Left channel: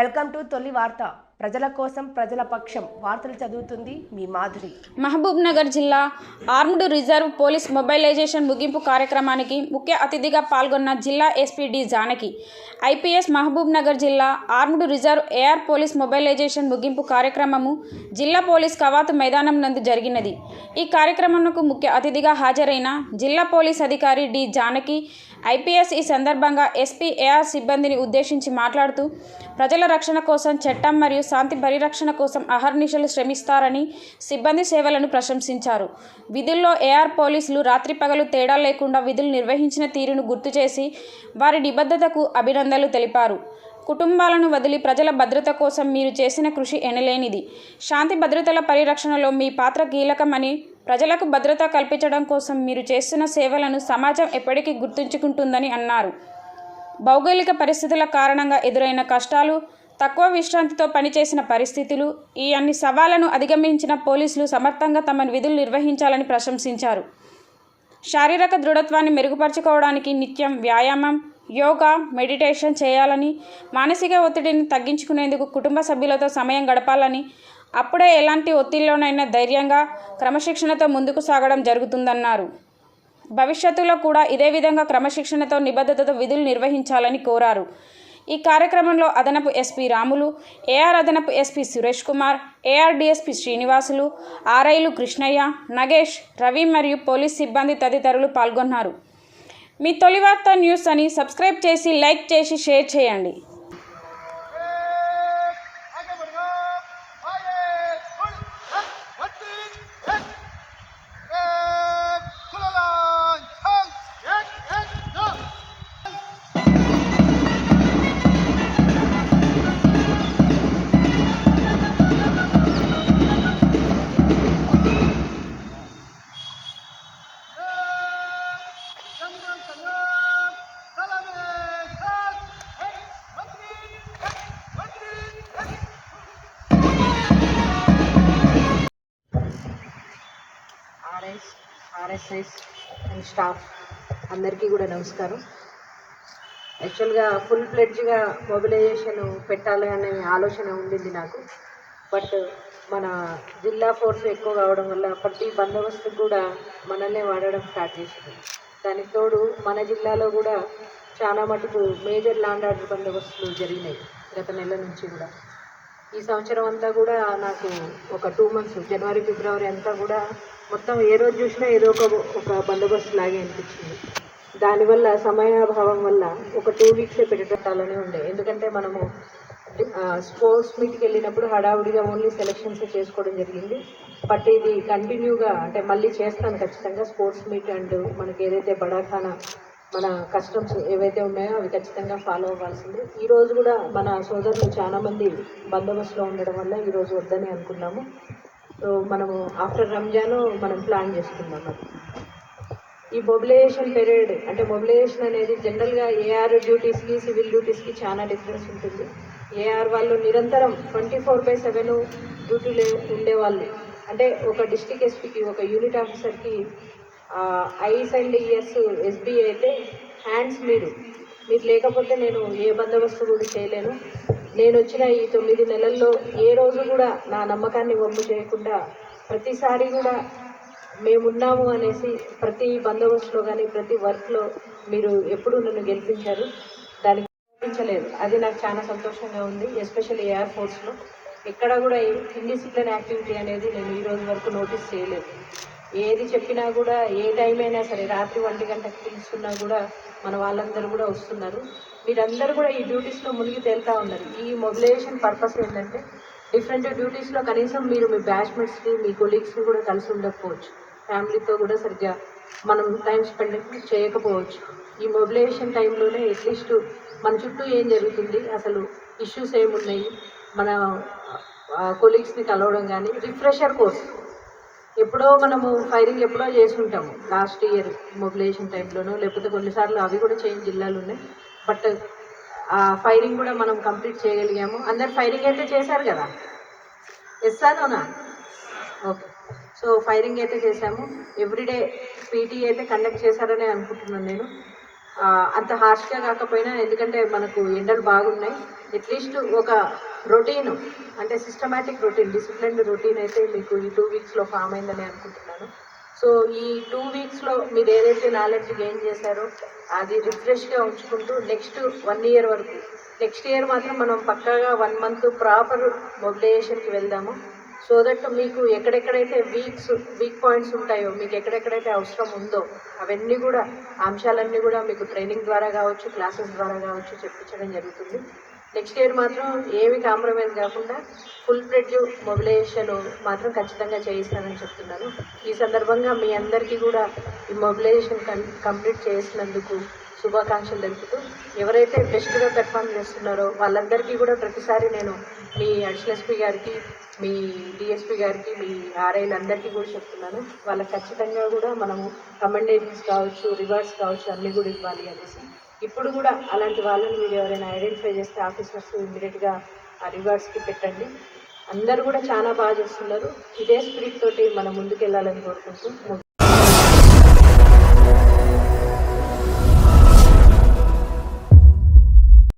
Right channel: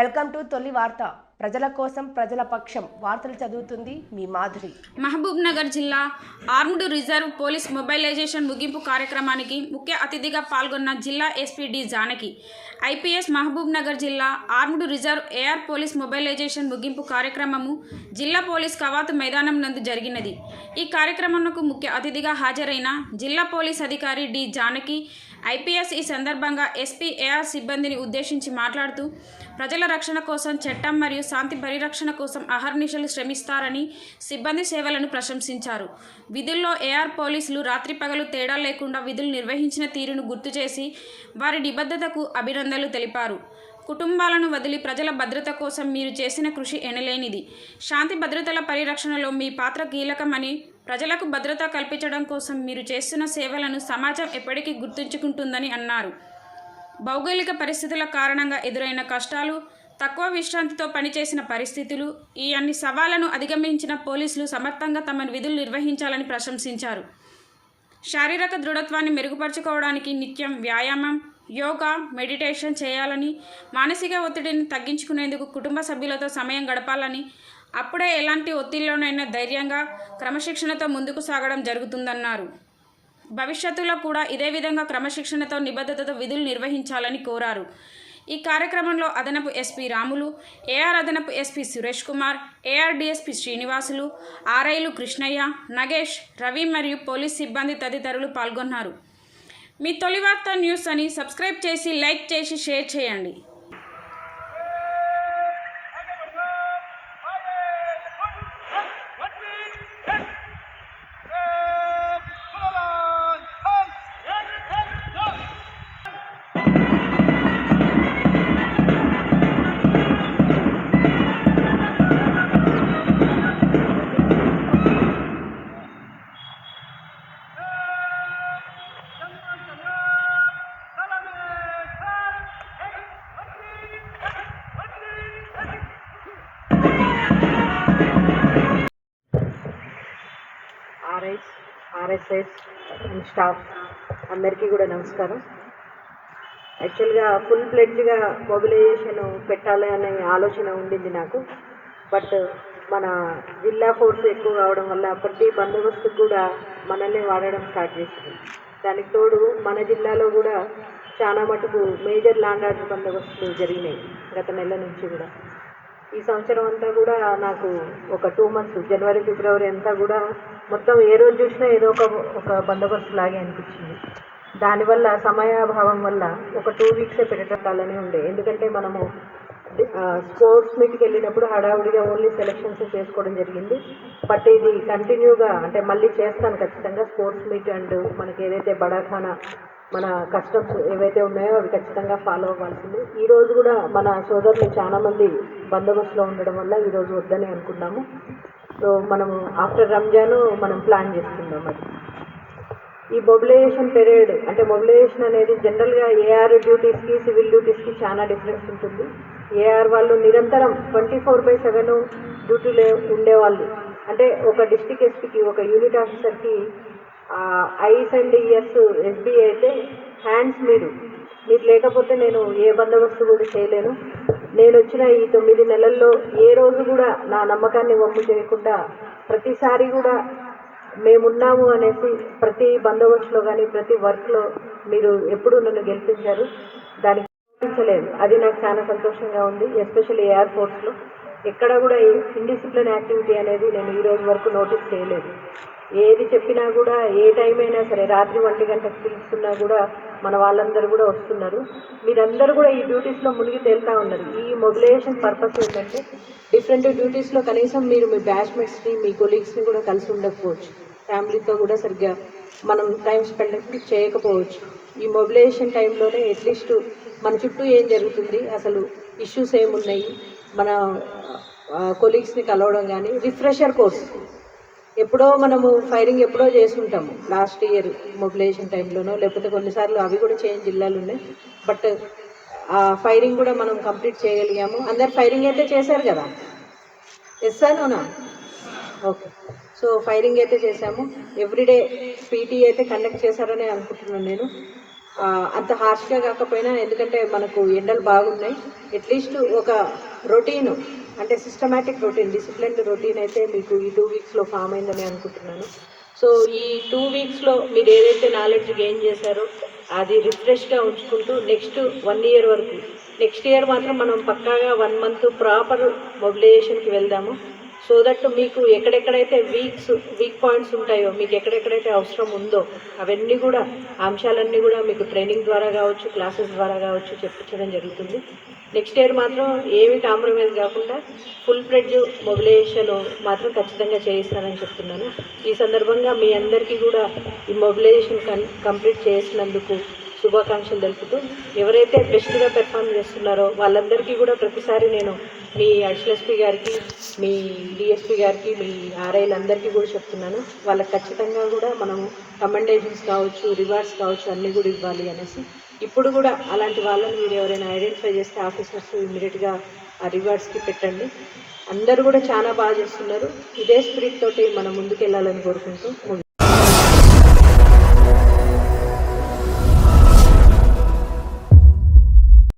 Welcome to తొలి వార్త. ప్రజల కోసం ప్రజల పక్షం వార్తలు చదువుతుంది మీ మాధురి. మహబూబ్ నగర్ జిల్లా ఆర్మ్డ్ రిజర్వ్ పోలీస్ మొబైలైజేషన్ ముగింపు కార్యక్రమానికి ముఖ్య అతిథిగా పాల్గొన్న జిల్లా SP D Janaki. IPS Mahabubnagar జిల్లా armed reserve AR police mobilization ముగింపు కార్యక్రమము జిల్లా పోలీస్ కవాతు మైదానం నందు జరిగినది. ఈ కార్యక్రమంకు ముఖ్య అతిథిగా హాజరైన జిల్లా పోలీస్ అధికారి డి జానకి ఐపీఎస్ ఈ సందర్భంగా ఎస్పీ ఏఆర్ సిబ్బందిని ఉద్దేశించి మాట్లాడుతూ ప్రజల రక్షణ కోసం చట్టం మరియు శాంతి పరిరక్షణ కోసం అహర్నిశలు శ్రమిస్తారని సిబ్బంది సేవలను ప్రశంసించారు. విధుల్లో ఏఆర్ పోలీసులు రాత్రి పగలు తేడా లేకుండా విధులు నిర్వహించిన తీరును గుర్తు చేసి వారి నిబద్ధతకు అభినందనలు తెలిపారు. కుటుంబాలను వదిలి ప్రజల భద్రత కోసం మీరు చేసిన కృషి ఎనలేనిది. శాంతి భద్రతల పరిరక్షణలో మీ పాత్ర కీలకమని ప్రజలకు భద్రత కల్పించడం కోసం మీరు చేస్తున్న సేవలను సమాజం ఎప్పటికీ గుర్తుంచుకుంటుందని అన్నారు. భౌగోళిక పరిస్థితుల కారణంగా ఎదురైన కష్టాలు తక్కువ విశ్రాంతితో పనిచేసిన పరిస్థితులు ఈ అన్ని సవాళ్ళను అధిగమించిన పోలీసులు సమర్థంగా తమ విధులు నిర్వహించాలని ప్రశంసించారు. శారీరక దృఢత్వాన్ని మెరుగుపరచుకోవడానికి నిత్యం వ్యాయామం యోగా మెడిటేషన్ చేయాలని మానసిక ఒత్తిడిని తగ్గించుకునేందుకు కుటుంబ సభ్యులతో సమయం గడపాలని అప్పుడే ఎలాంటి ఒత్తిడిలోనైనా ధైర్యంగా క్రమశిక్షణతో ముందుకు సాగడం జరుగుతుందన్నారు. భవిష్యత్తులో కూడా ఇదే విధంగా క్రమశిక్షణతో నిబద్ధతతో విధులు నిర్వహించాలని కోరారు. ఈ కార్యక్రమంలో అదనపు ఎస్పీ రాములు ఏఆర్ అదనపు SP Suresh Kumar AR DSP Srinivasulu ఆర్ఐలు Krishnaiah Nagesh Ravi మరియు పోలీస్ సిబ్బంది తదితరులు పాల్గొన్నారు. మీ తొలి వార్త న్యూస్ అని సబ్స్క్రైబ్ చేసి లైక్ చేసి షేర్ చేయండి. ఆర్ఎస్ఎస్ అండ్ స్టాఫ్ అందరికీ కూడా నమస్కారం. యాక్చువల్గా ఫుల్ ఫ్లెడ్జ్గా మొబిలైజేషన్ పెట్టాలి అనే ఆలోచన ఉండింది నాకు. బట్ మన జిల్లా ఫోర్స్ ఎక్కువ కావడం వల్ల ప్రతి బందోబస్తు కూడా మనల్ని వాడడం స్టార్ట్ చేసింది. దానికి తోడు మన జిల్లాలో కూడా చాలా మటుకు మేజర్ ల్యాండ్ ఆర్డర్ బందోబస్తులు జరిగినాయి గత నెల నుంచి కూడా. ఈ సంవత్సరం అంతా కూడా నాకు ఒక టూ మంత్స్ జనవరి ఫిబ్రవరి అంతా కూడా మొత్తం ఏ రోజు చూసినా ఏదో ఒక ఒక బందోబస్తు లాగే అనిపించింది. దానివల్ల సమయాభావం వల్ల ఒక టూ వీక్సే పెట్టేటట్టాలనే ఉండే. ఎందుకంటే మనము స్పోర్ట్స్ మీట్కి వెళ్ళినప్పుడు హడావుడిగా ఓన్లీ సెలెక్షన్స్ చేసుకోవడం జరిగింది. బట్ ఇది కంటిన్యూగా అంటే మళ్ళీ చేస్తాను ఖచ్చితంగా స్పోర్ట్స్ మీట్ అండ్ మనకి ఏదైతే బడాఖానా మన కస్టమ్స్ ఏవైతే ఉన్నాయో అవి ఖచ్చితంగా ఫాలో అవ్వాల్సింది. ఈరోజు కూడా మన సోదరులు చాలామంది బందోబస్తులో ఉండడం వల్ల ఈరోజు వద్దని అనుకున్నాము. సో మనము ఆఫ్టర్ రంజాన్ మనం ప్లాన్ చేసుకుందాం అది ఈ మొబిలైజేషన్ పీరియడ్ అంటే మొబిలైజేషన్ అనేది జనరల్గా ఏఆర్ డ్యూటీస్కి సివిల్ డ్యూటీస్కి చాలా డిఫరెన్స్ ఉంటుంది. ఏఆర్ వాళ్ళు నిరంతరం ట్వంటీ ఫోర్ బై సెవెన్ డ్యూటీలో ఉండేవాళ్ళు. అంటే ఒక డిస్టిక్ ఎస్పీకి ఒక యూనిట్ ఆఫీసర్కి ఐస్ అండ్ ఇయర్స్ ఎస్బీ అయితే హ్యాండ్స్ మీరు మీరు లేకపోతే నేను ఏ బందోబస్తు కూడా చేయలేను. నేను వచ్చిన ఈ తొమ్మిది నెలల్లో ఏ రోజు కూడా నా నమ్మకాన్ని వమ్ము చేయకుండా ప్రతిసారి కూడా మేమున్నాము అనేసి ప్రతి బందోబస్తులో కానీ ప్రతి వర్క్లో మీరు ఎప్పుడూ నన్ను గెలిపించారు. దానికి గెలిపించలేదు అది నాకు చాలా సంతోషంగా ఉంది ఎస్పెషల్లీ ఎయిర్ ఫోర్స్లో. ఎక్కడ కూడా ఇండిసిప్లిన్ యాక్టివిటీ అనేది నేను ఈ రోజు వరకు నోటీస్ చేయలేదు. ఏది చెప్పినా కూడా ఏ టైం అయినా సరే రాత్రి ఒంటి గంటకు పిలుస్తున్నా కూడా మన వాళ్ళందరూ కూడా వస్తున్నారు. మీరందరూ కూడా ఈ డ్యూటీస్లో మునిగి తేలుతా ఉన్నారు. ఈ మొబిలైజేషన్ పర్పస్ ఏంటంటే డిఫరెంట్ డ్యూటీస్లో కనీసం మీరు మీ బ్యాచ్మెంట్స్ని మీ కొలీగ్స్ని కూడా కలిసి ఉండకపోవచ్చు. ఫ్యామిలీతో కూడా సరిగ్గా మనం టైం స్పెండ్ చేయకపోవచ్చు. ఈ మొబిలైజేషన్ టైంలోనే అట్లీస్ట్ మన చుట్టూ ఏం జరుగుతుంది? అసలు ఇష్యూస్ ఏమున్నాయి? మన కొలీగ్స్ని కలవడం కానీ రిఫ్రెషర్ కోర్స్ ఎప్పుడో మనము ఫైరింగ్ ఎప్పుడో చేసుంటాము. లాస్ట్ ఇయర్ మొబిలైజేషన్ టైంలోనో లేకపోతే కొన్నిసార్లు అవి కూడా చేంజ్ జిల్లాలు ఉన్నాయి బట్ ఆ ఫైరింగ్ కూడా మనం కంప్లీట్ చేయగలిగాము. అందరు ఫైరింగ్ అయితే చేశారు కదా? ఎస్సానోనా ఓకే సో ఫైరింగ్ అయితే చేశాము. ఎవ్రీడే పీటీ అయితే కండక్ట్ చేశారని అనుకుంటున్నాను నేను. అంత హార్ష్గా కాకపోయినా ఎందుకంటే మనకు ఎండలు బాగున్నాయి. అట్లీస్ట్ ఒక రొటీను అంటే సిస్టమేటిక్ రొటీన్ డిసిప్లిన్ రొటీన్ అయితే మీకు ఈ టూ వీక్స్లో ఫామ్ అయిందని అనుకుంటున్నాను. సో ఈ టూ వీక్స్లో మీరు ఏదైతే నాలెడ్జ్ గెయిన్ చేశారో అది రిఫ్రెష్గా ఉంచుకుంటూ నెక్స్ట్ వన్ ఇయర్ వరకు నెక్స్ట్ ఇయర్ మాత్రం మనం పక్కాగా వన్ మంత్ ప్రాపర్ మొబిలైజేషన్కి వెళ్దాము. సో దట్ మీకు ఎక్కడెక్కడైతే వీక్స్ వీక్ పాయింట్స్ ఉంటాయో మీకు ఎక్కడెక్కడైతే అవసరం ఉందో అవన్నీ కూడా అంశాలన్నీ కూడా మీకు ట్రైనింగ్ ద్వారా కావచ్చు క్లాసెస్ ద్వారా కావచ్చు చెప్పించడం జరుగుతుంది. నెక్స్ట్ ఇయర్ మాత్రం ఏమి కాంప్రమైజ్ కాకుండా ఫుల్ ఫ్లెడ్జ్ మొబిలైజేషన్ మాత్రం ఖచ్చితంగా చేయిస్తానని చెప్తున్నాను. ఈ సందర్భంగా మీ అందరికీ కూడా ఈ మొబిలైజేషన్ కం కంప్లీట్ చేసినందుకు శుభాకాంక్షలు తెలుపుతూ ఎవరైతే బెస్ట్గా పెర్ఫామ్ చేస్తున్నారో వాళ్ళందరికీ కూడా ప్రతిసారి నేను మీ అడిషనల్ ఎస్పీ గారికి మీ డిఎస్పీ గారికి మీ ఆర్ఐలందరికీ కూడా చెప్తున్నాను. వాళ్ళకి ఖచ్చితంగా కూడా మనము కమెండేషన్స్ కావచ్చు రివార్డ్స్ కావచ్చు అన్నీ కూడా ఇవ్వాలి అనేసి. ఇప్పుడు కూడా అలాంటి వాళ్ళని మీరు ఎవరైనా ఐడెంటిఫై చేస్తే ఆఫీసర్స్ ఇమీడియట్గా ఆ రివార్డ్స్కి పెట్టండి. అందరూ కూడా చాలా బాగా చేస్తున్నారు. ఇదే స్పిరిట్ తోటి మనం ముందుకెళ్ళాలని కోరుకుంటూ